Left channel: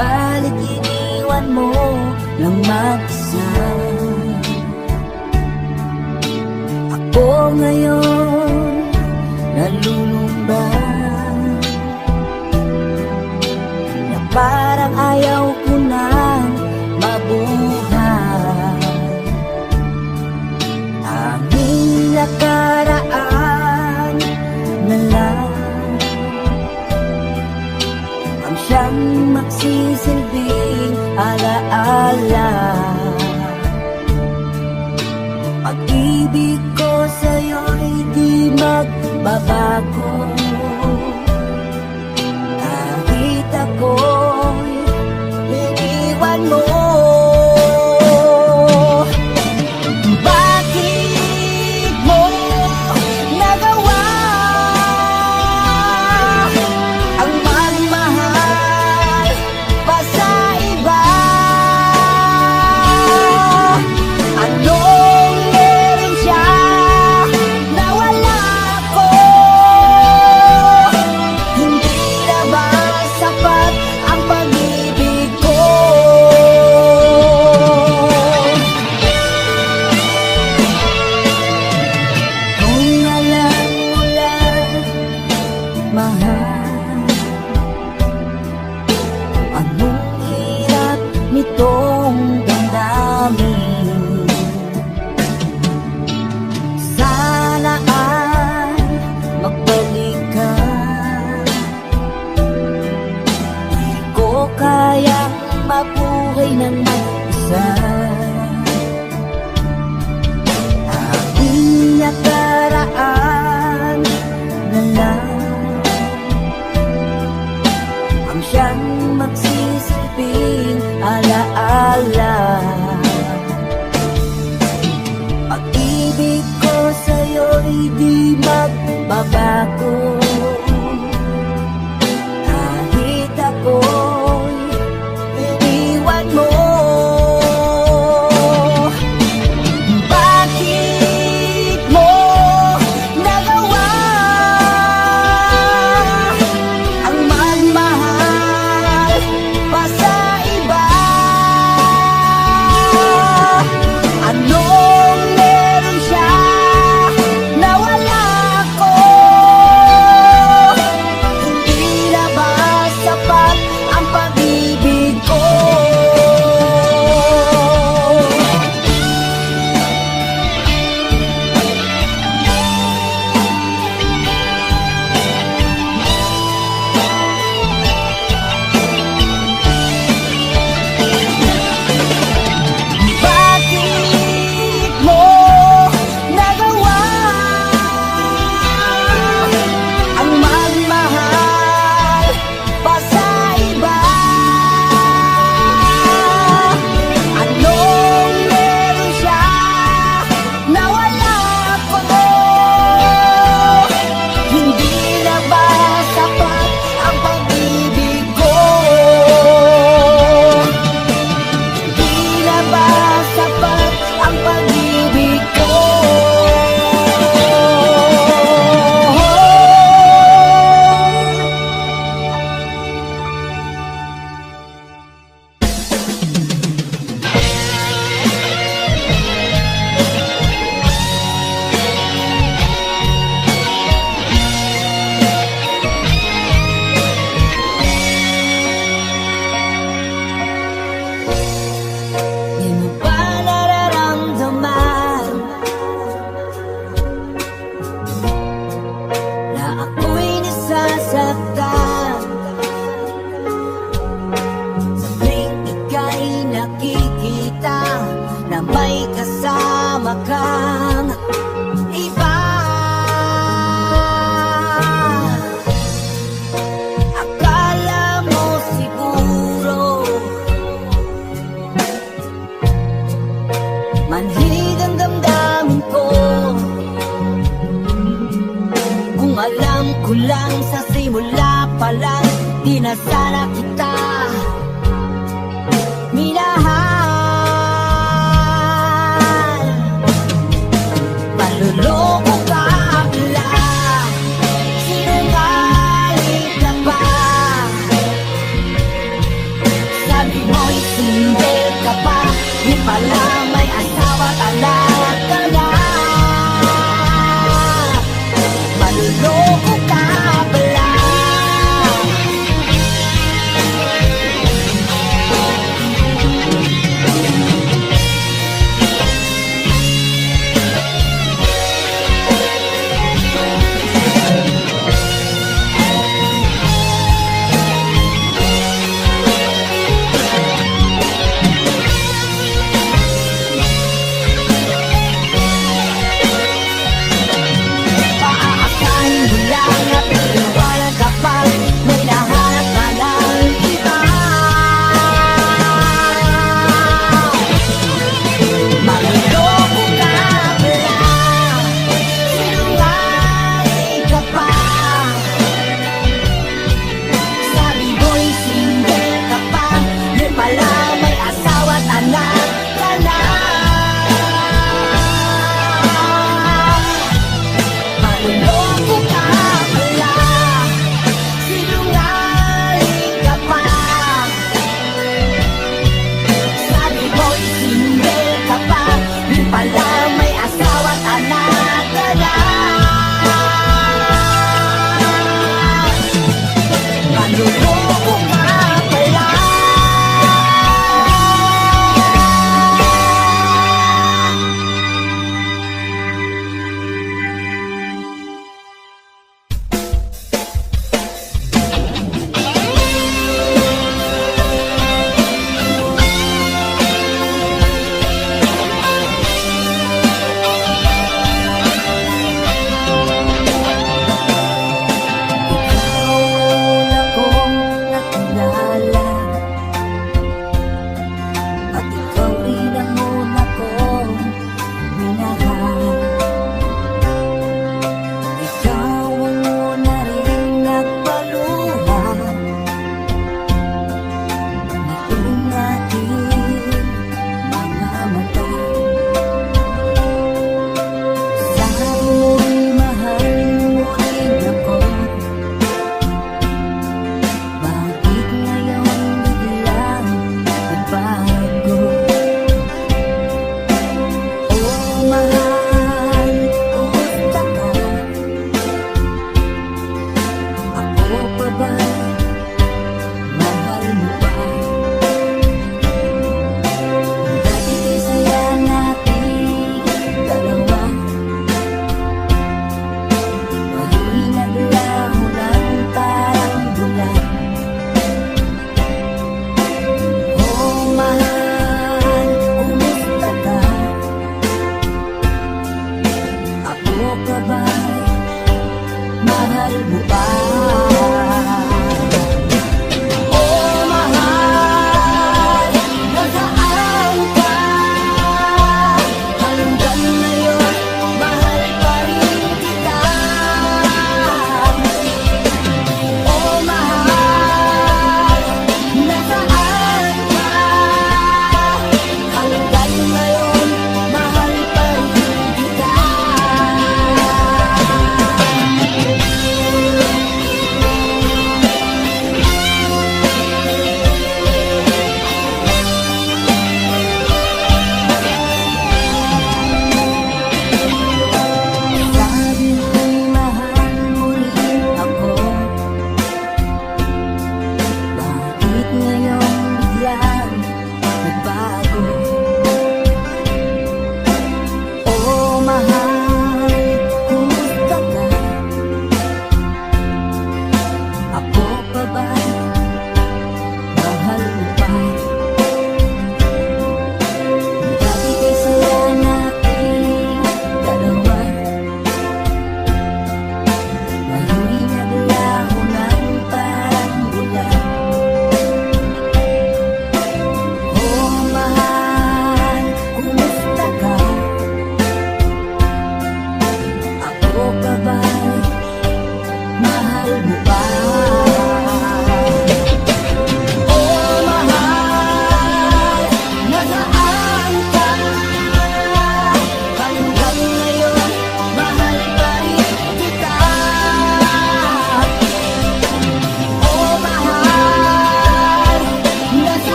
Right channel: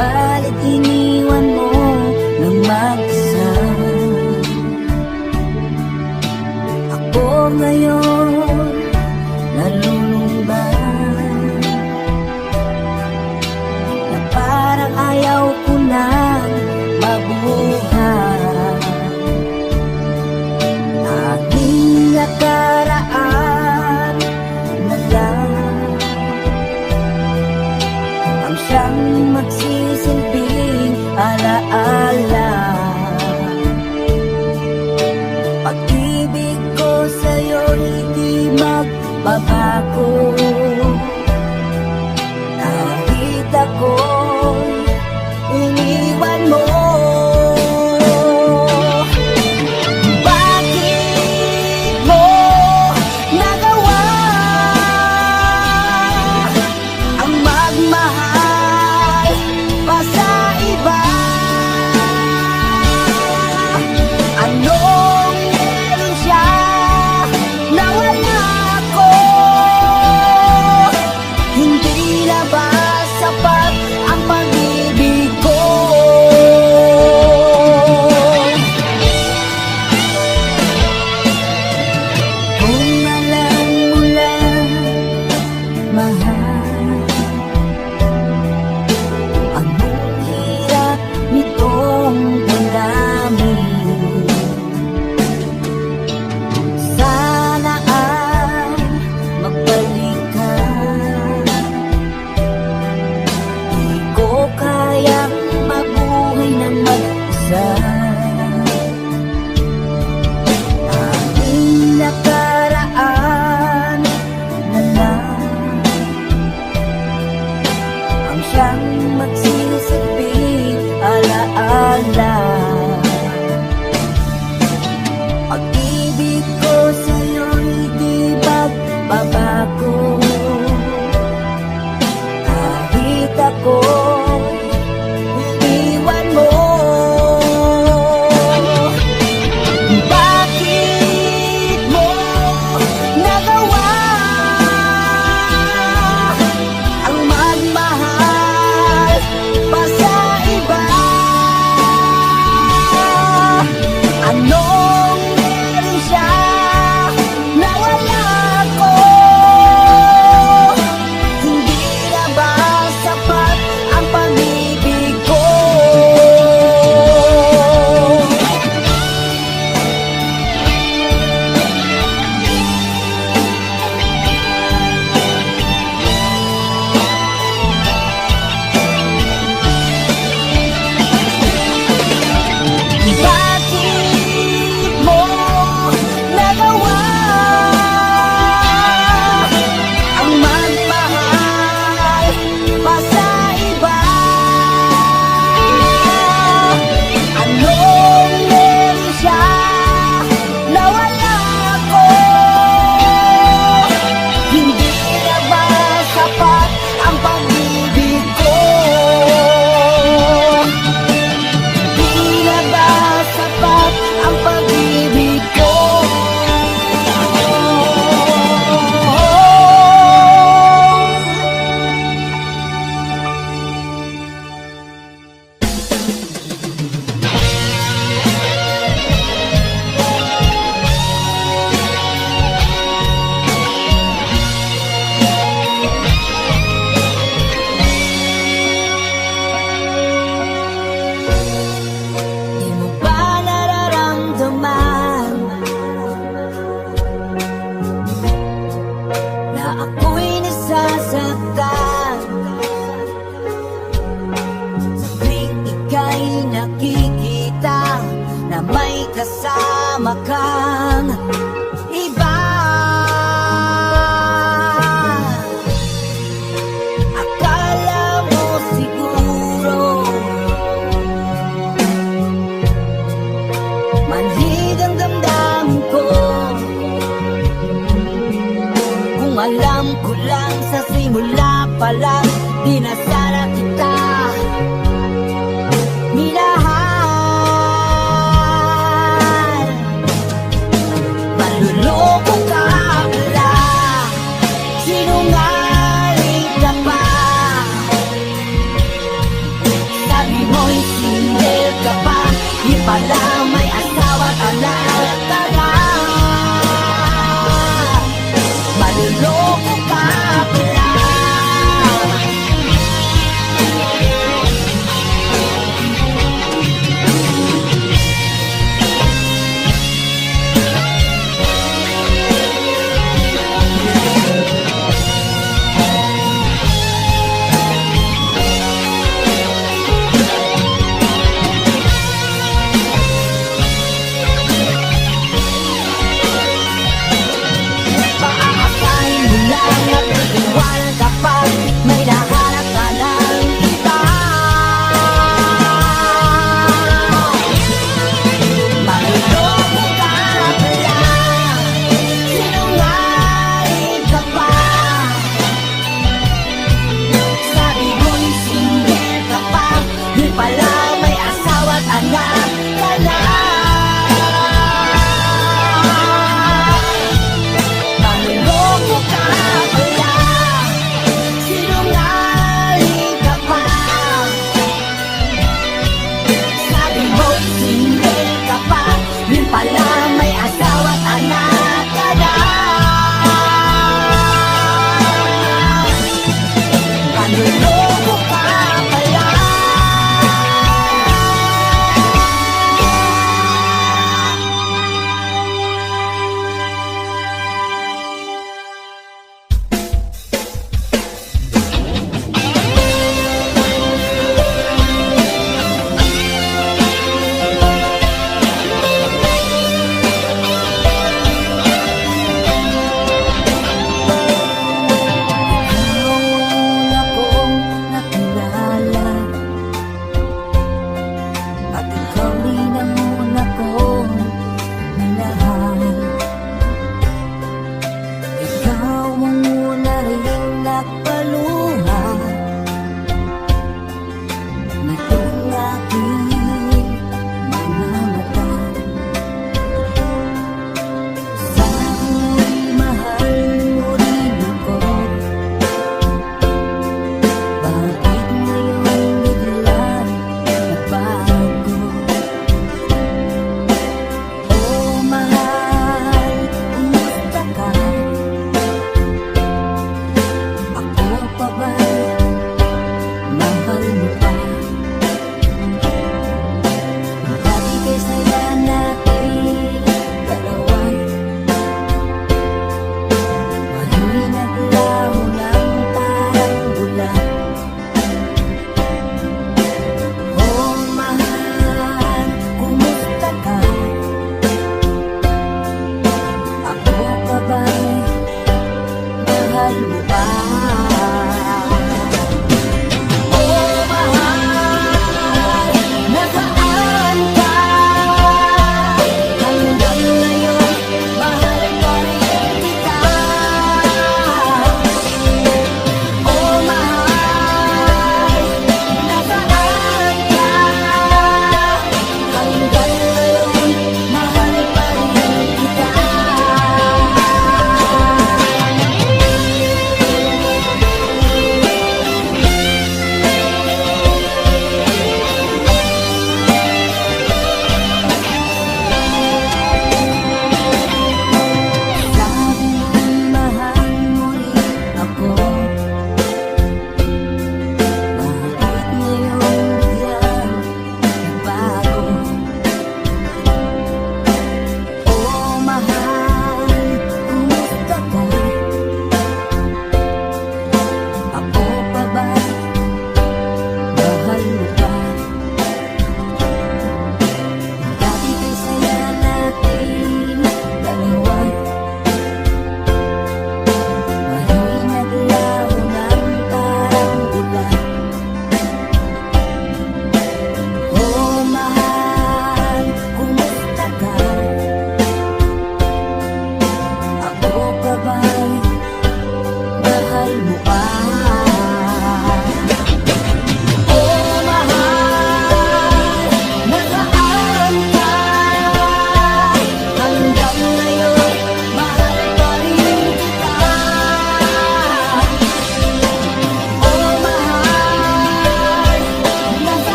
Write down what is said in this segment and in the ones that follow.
Subalit iniwan mo ng mag-isa. Ako ngayon nalulumba, na parang ayaw ko nang mabuhay. Tanging nakaraan na lang ang siyang magsisilbing alaala. Pag-ibig ko sa'yo'y di magbabago, kahit ako'y iniwan mo. Bakit mo nagawa ang magmahal pa sa iba? Anong meron siya na wala ko? Hindi na ba sapat ang pag-ibig ko? Kung alam mo lang, mahal, anong hirap nitong damdamin. Sana ay magbalik ka. Di ko kayang mabuhay ng mag-isa. Aking nakaraan na lang ang siyang magsisilbing alaala. Pag-ibig ko sa'yo'y di magbabago, kahit ako'y iniwan mo. Bakit mo nagawa ang magmahal pa sa iba? Anong meron siya na wala ko? Hindi na ba sapat ang pag-ibig ko? Bakit mo nagawa ang magmahal pa sa iba? Anong meron siya na wala ko? Hindi na ba sapat ang pag-ibig ko? Hindi na ba sapat ang pag-ibig ko? Di mo ba nararamdaman na ako'y nasasaktan sa tuwing ika'y nakikita na may kasama kang iba? Akala mo siguro manhid ang damdamin ko, kung alam ko lang sa simula pa lang, di na sana kita minahal. mo'y single ka pa, di pala may asawa ka na. Tara, maluloko ka pala.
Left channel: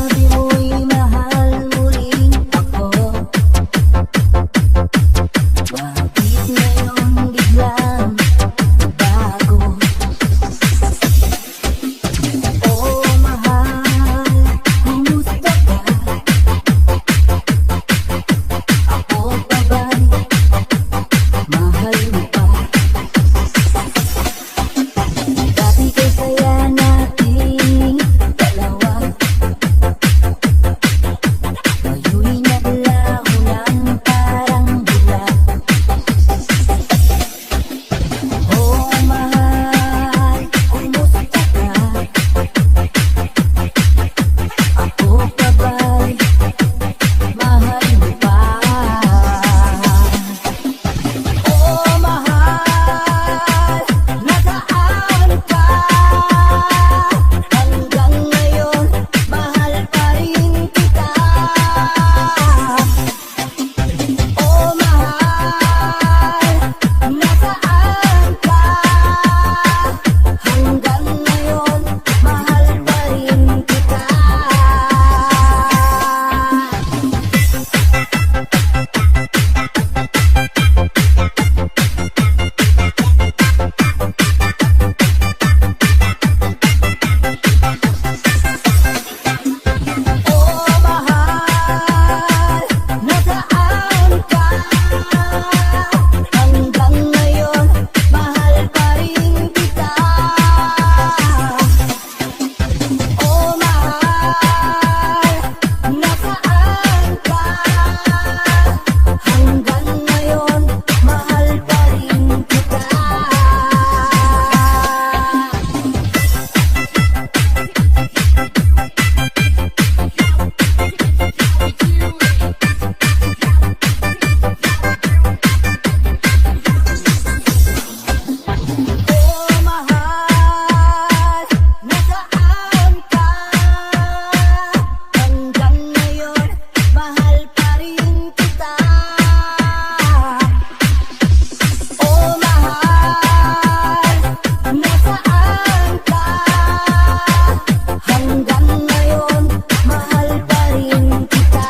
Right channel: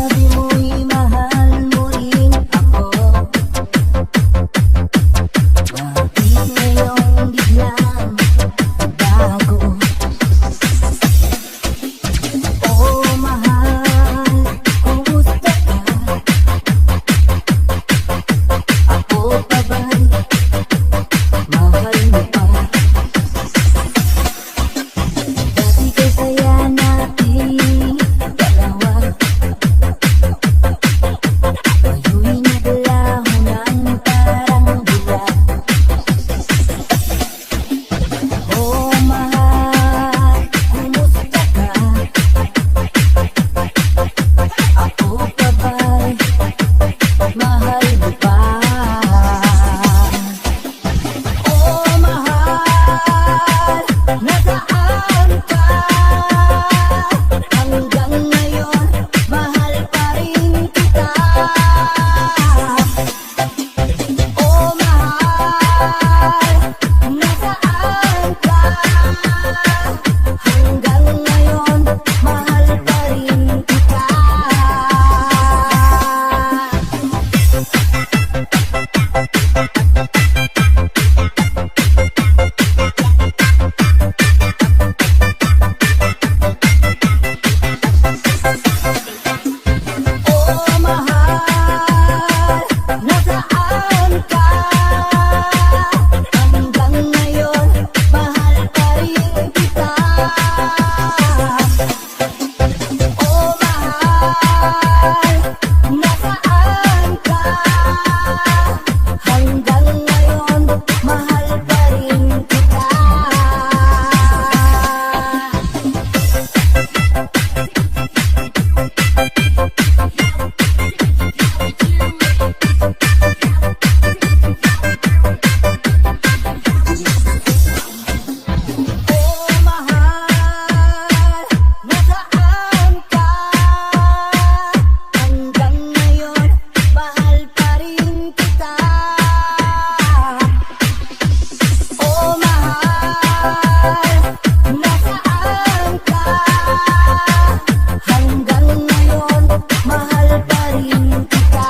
sabi mo'y mahal mo rin ako. Bakit ngayon biglang bago? Oh mahal, kumusta ka? Ako pa ba'y mahal mo pa? Dati kaya natin dalawa, ngayon naglaho ng parang bula. Oh mahal, kumusta ka? Ako pa ba'y mahal mo pa? Oh mahal, nasaan ka? Hanggang ngayon, mahal pa rin kita. Oh mahal, nasaan ka? Hanggang ngayon, mahal pa rin kita. Oh mahal, nasaan ka? Hanggang ngayon, mahal pa rin kita. Oh mahal, nasaan ka? Hanggang ngayon, mahal pa rin kita. Oh mahal, nasaan ka? Hanggang ngayon, mahal pa rin kita. Oh mahal, nasaan ka? Hanggang ngayon, mahal pa rin kita.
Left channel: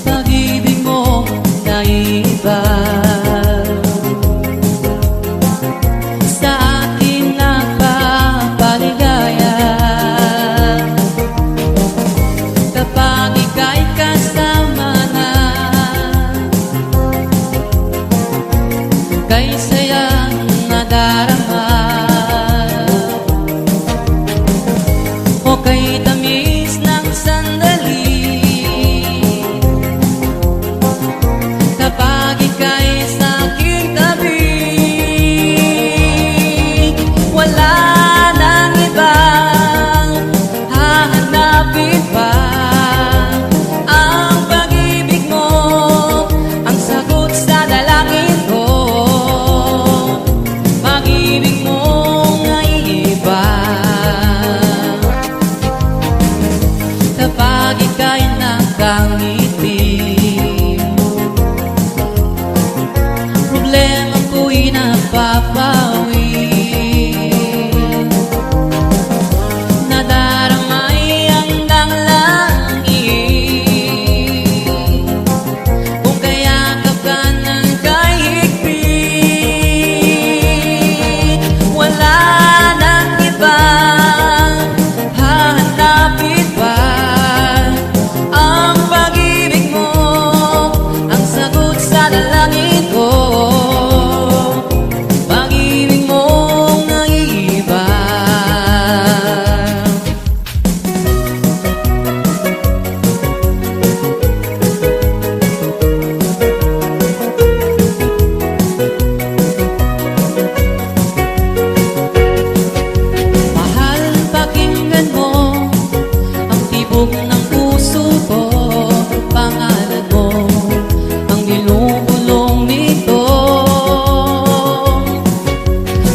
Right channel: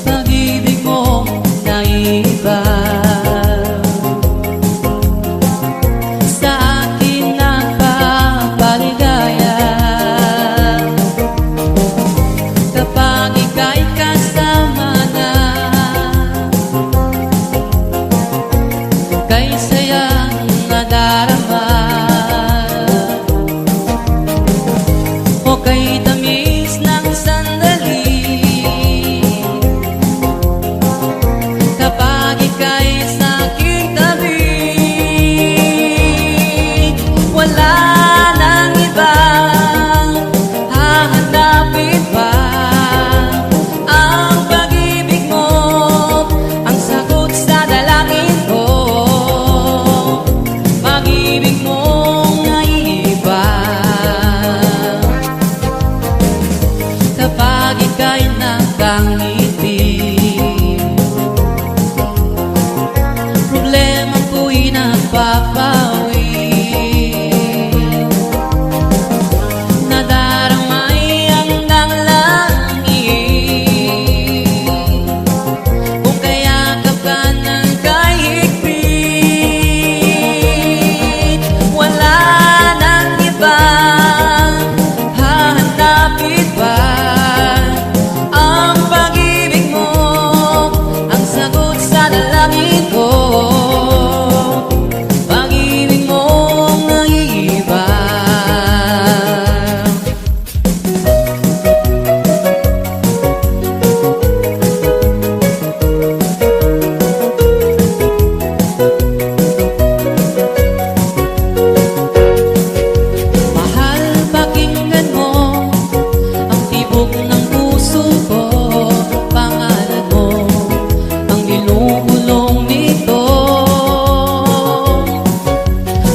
Pag-ibig mong naiba sa akin nagpapaligaya. Kapag ika'y kasama na, kay sayang nadarama o kay tamis ng sandali. Kapag ika'y sa aking tabi, wala nang ibang hahanapin pa. Ang pag-ibig mo, ang sagot sa dalangin ko. Pag-ibig mong naiiba kapag ika'y nakangiti. Problema ko'y napapawi, nadaramay hanggang langit. Kung kayakap ka ng kahigpit, wala nang ibang hahanapin pa. Ang pag-ibig mo, ang sagot ito, pag-ibig mong naiiba. Mahal, pakinggan mo ang tibok ng puso ko. Pangalan mo ang nilubulong nito.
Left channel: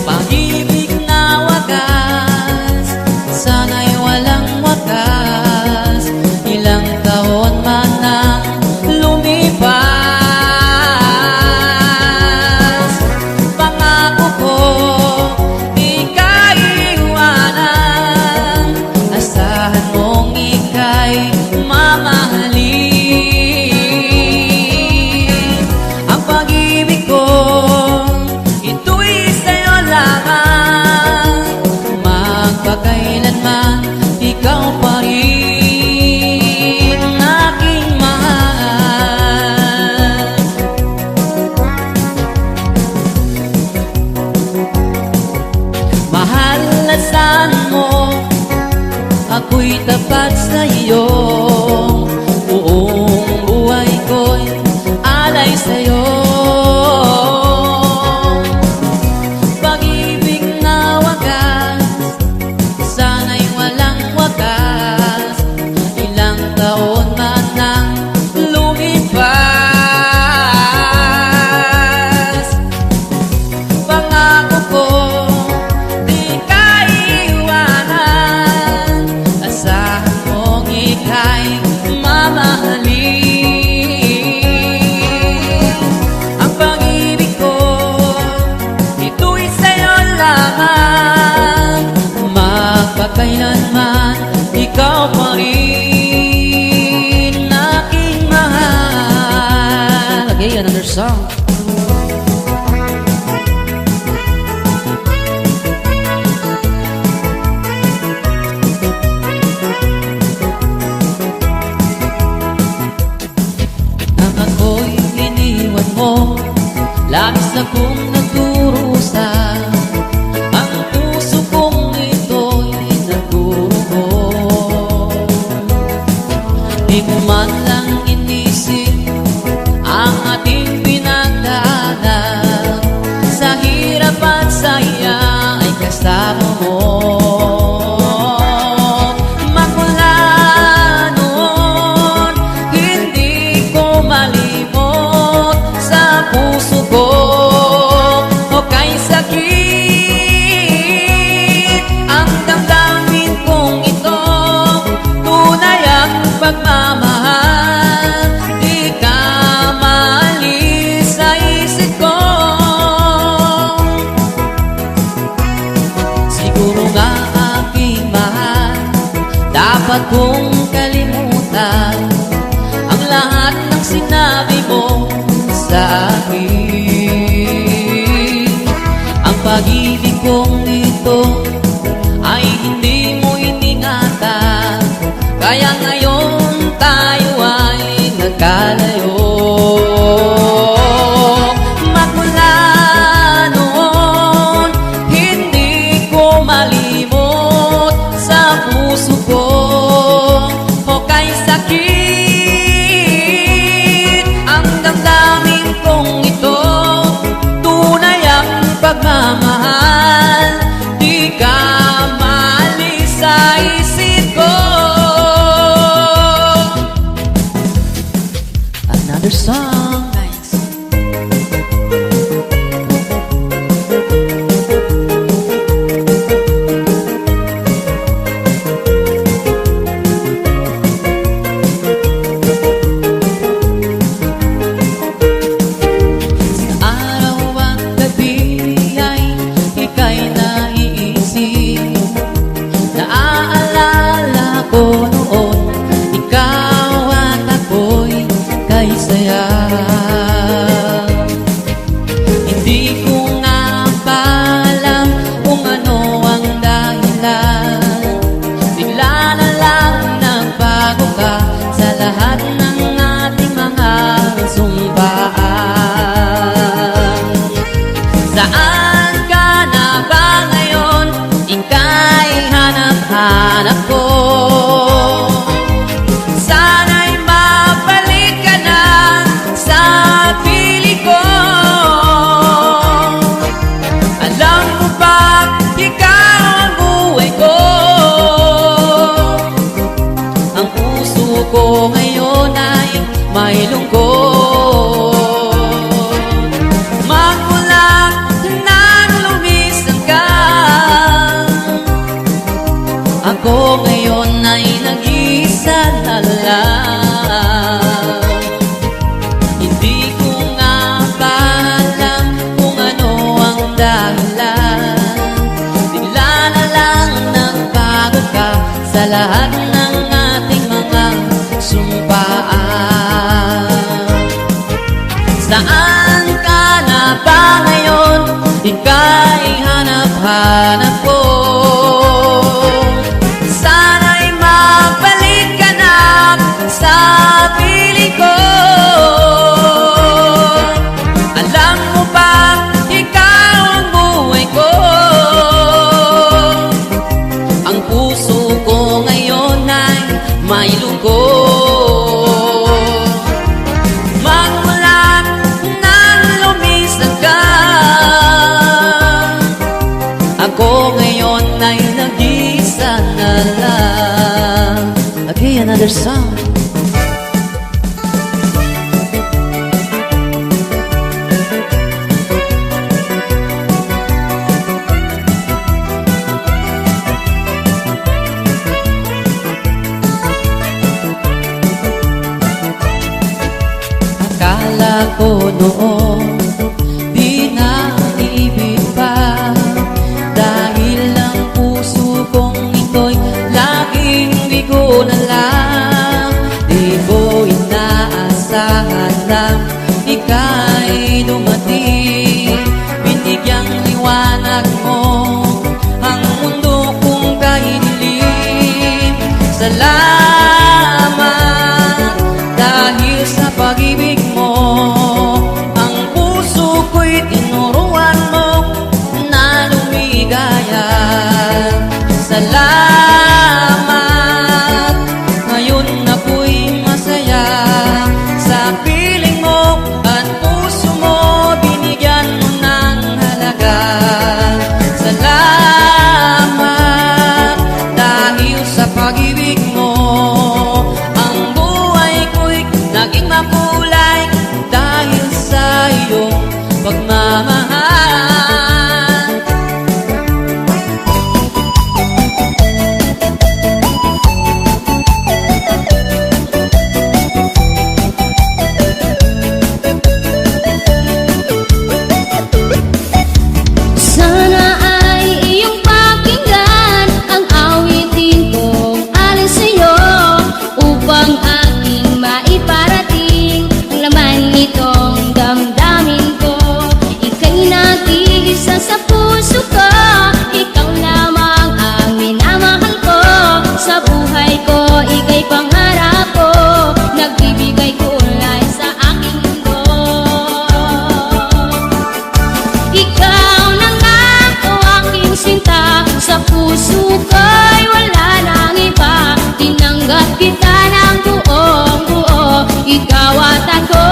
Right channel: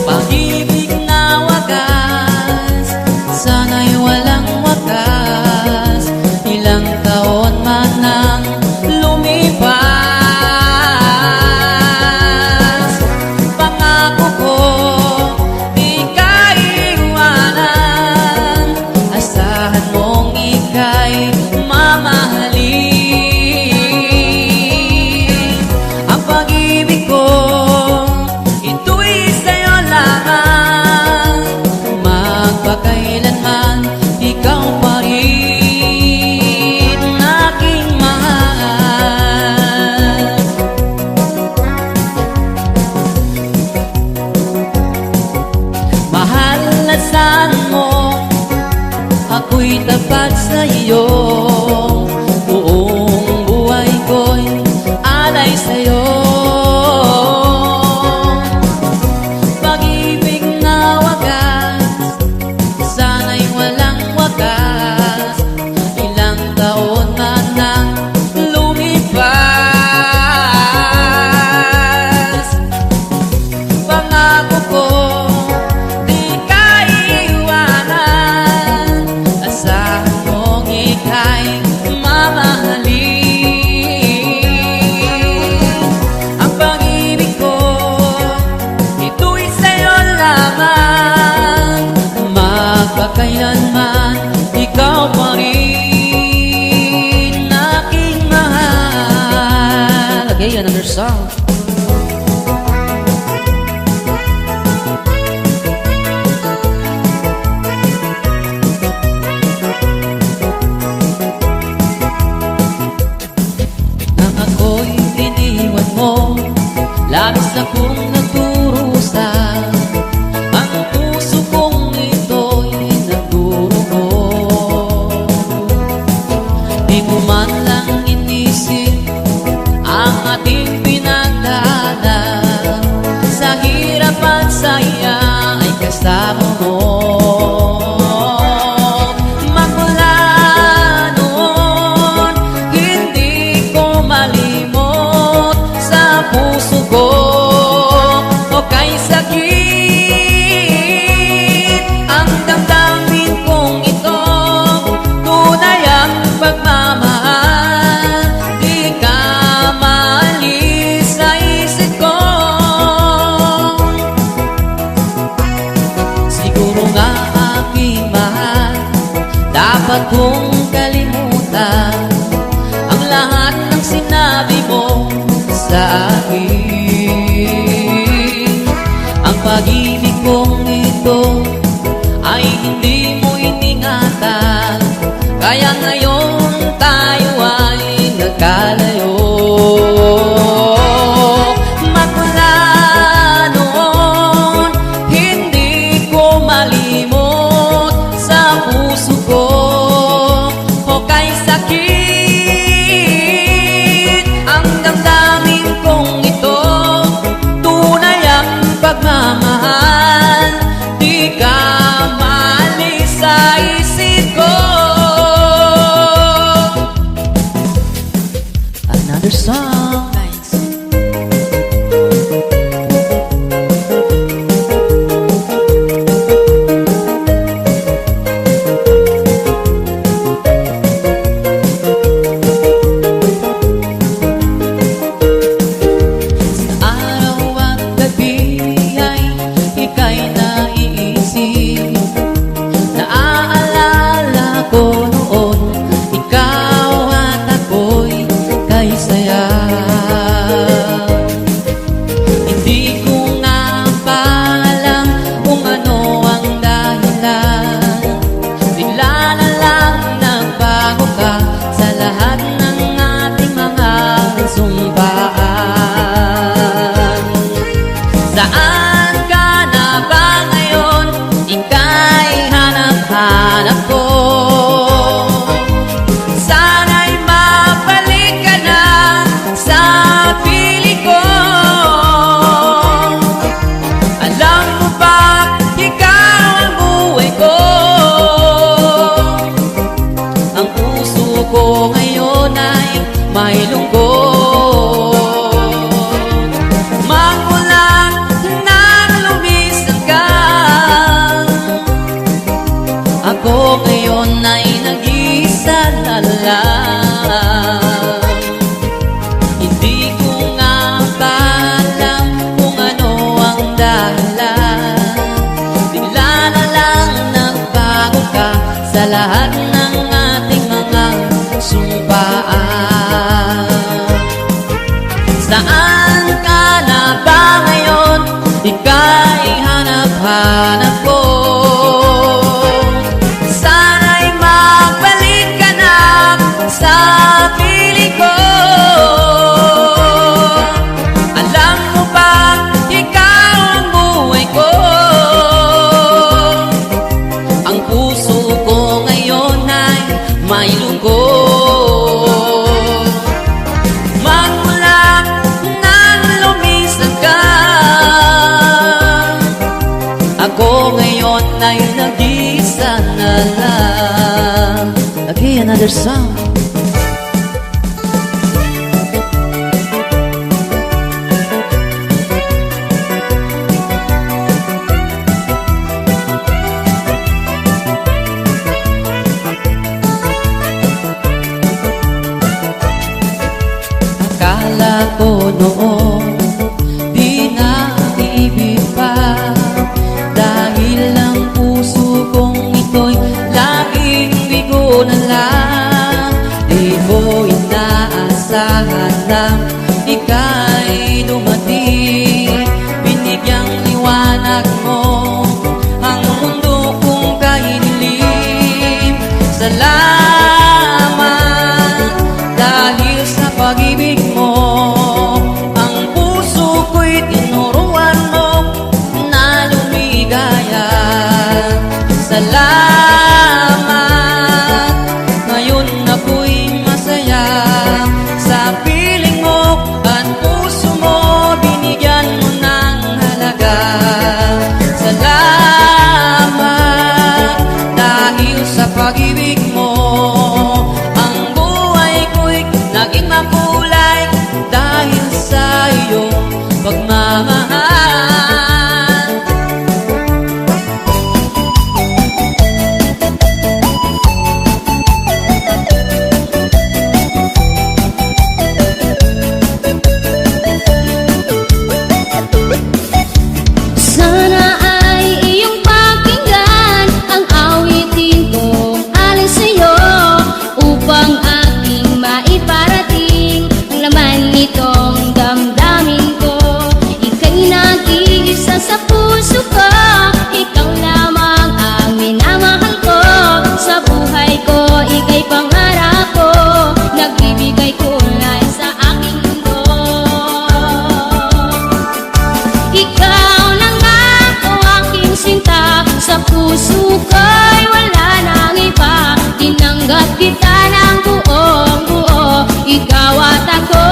Pag-ibig na wagas, sana'y walang wakas. Ilang taon man ang lumipas, pangako ko di ka iwanan. Asahan mong ika'y mamahalin. Ang pag-ibig ko, ito'y sa'yo lamang. Magpakailanman, ikaw pa rin aking mahal. Mahal, asahan mo ako'y tapat sa iyo. Buong buhay ko'y alay sa'yo. Pag-ibig na wagas, sana'y walang wagas. Ilang taon man ang lumipas, pangako ko di ka iwanan. Asahan mong ika'y mamahalin. Ang pag-ibig ko, ito'y sa'yo lamang. Magpakailanman, ikaw pa rin aking mahal. Okay, another song. Nang ako'y iniwan mo, labis akong nagdurusa. Ang puso kong ito'y nagdurugo. Di mo man lang inisip ang ating pinagdaanan. Sa hirap at saya ay kasama mo. Magmula noon, hindi ko malimot sa puso ko. O kay sakit ang damdamin kong ito, tunay ang pagmamahal. Di ka maalis sa isip ko. Siguro nga aking mahal, dapat kong kalimutan ang lahat ng sinabi mo sa akin. Ang pag-ibig kong ito ay hindi mo iningatan, kaya ngayon tayo ay nagkalayo. Magmula noon, hindi ko malimot sa puso ko. O kay sakit ang damdamin kong ito, tunay ang pagmamahal. Di ka maalis sa isip ko. Another song. Nice. sa lahat ng ating mga sumpaan. Saan ka na ba ngayon? Ika'y hanap-hanap ko. Sana'y magbalik ka na sa piling ko. Alam mo ba, ikaw ang buhay ko. Ang puso ko ngayon ay may lungkot. Magmula nang lumisan ka, ako ngayon ay nag-isa na lang. Okay, another song. Akala ko noon di na ibig pa, dahil ang puso kong ito'y laging bigo na lang. Di ko inaasahan lang ika'y dumating, binigyang liwanag mo ang mundo kong kahiling. Salamat dahil sa pag-ibig mo, ang puso ko'y tinuruan mo na lumigaya. Salamat, ngayon ako'y masaya sa piling mo at puso mo, binigyan mo ng halaga. Salamat dahil sa pag-ibig mo, ang buhay ko'y naging makulay dahil sa iyong pagmamahal. Sana ay iyong pakinggan ang awitin kong alin sa'yo, upang aking maiparating ang laman nitong damdamin ko. Ika'y nag-iisa sa puso ko, ikaw lamang ang minamahal ko. Sa buhay ko, ika'y pangarap ko, nagbibigay kulay sa aking mundo. Ikaw na nga o aking sinta, sa puso ko'y wala nang iba. Tinanggap kita ng buong buo, ikaw at ako.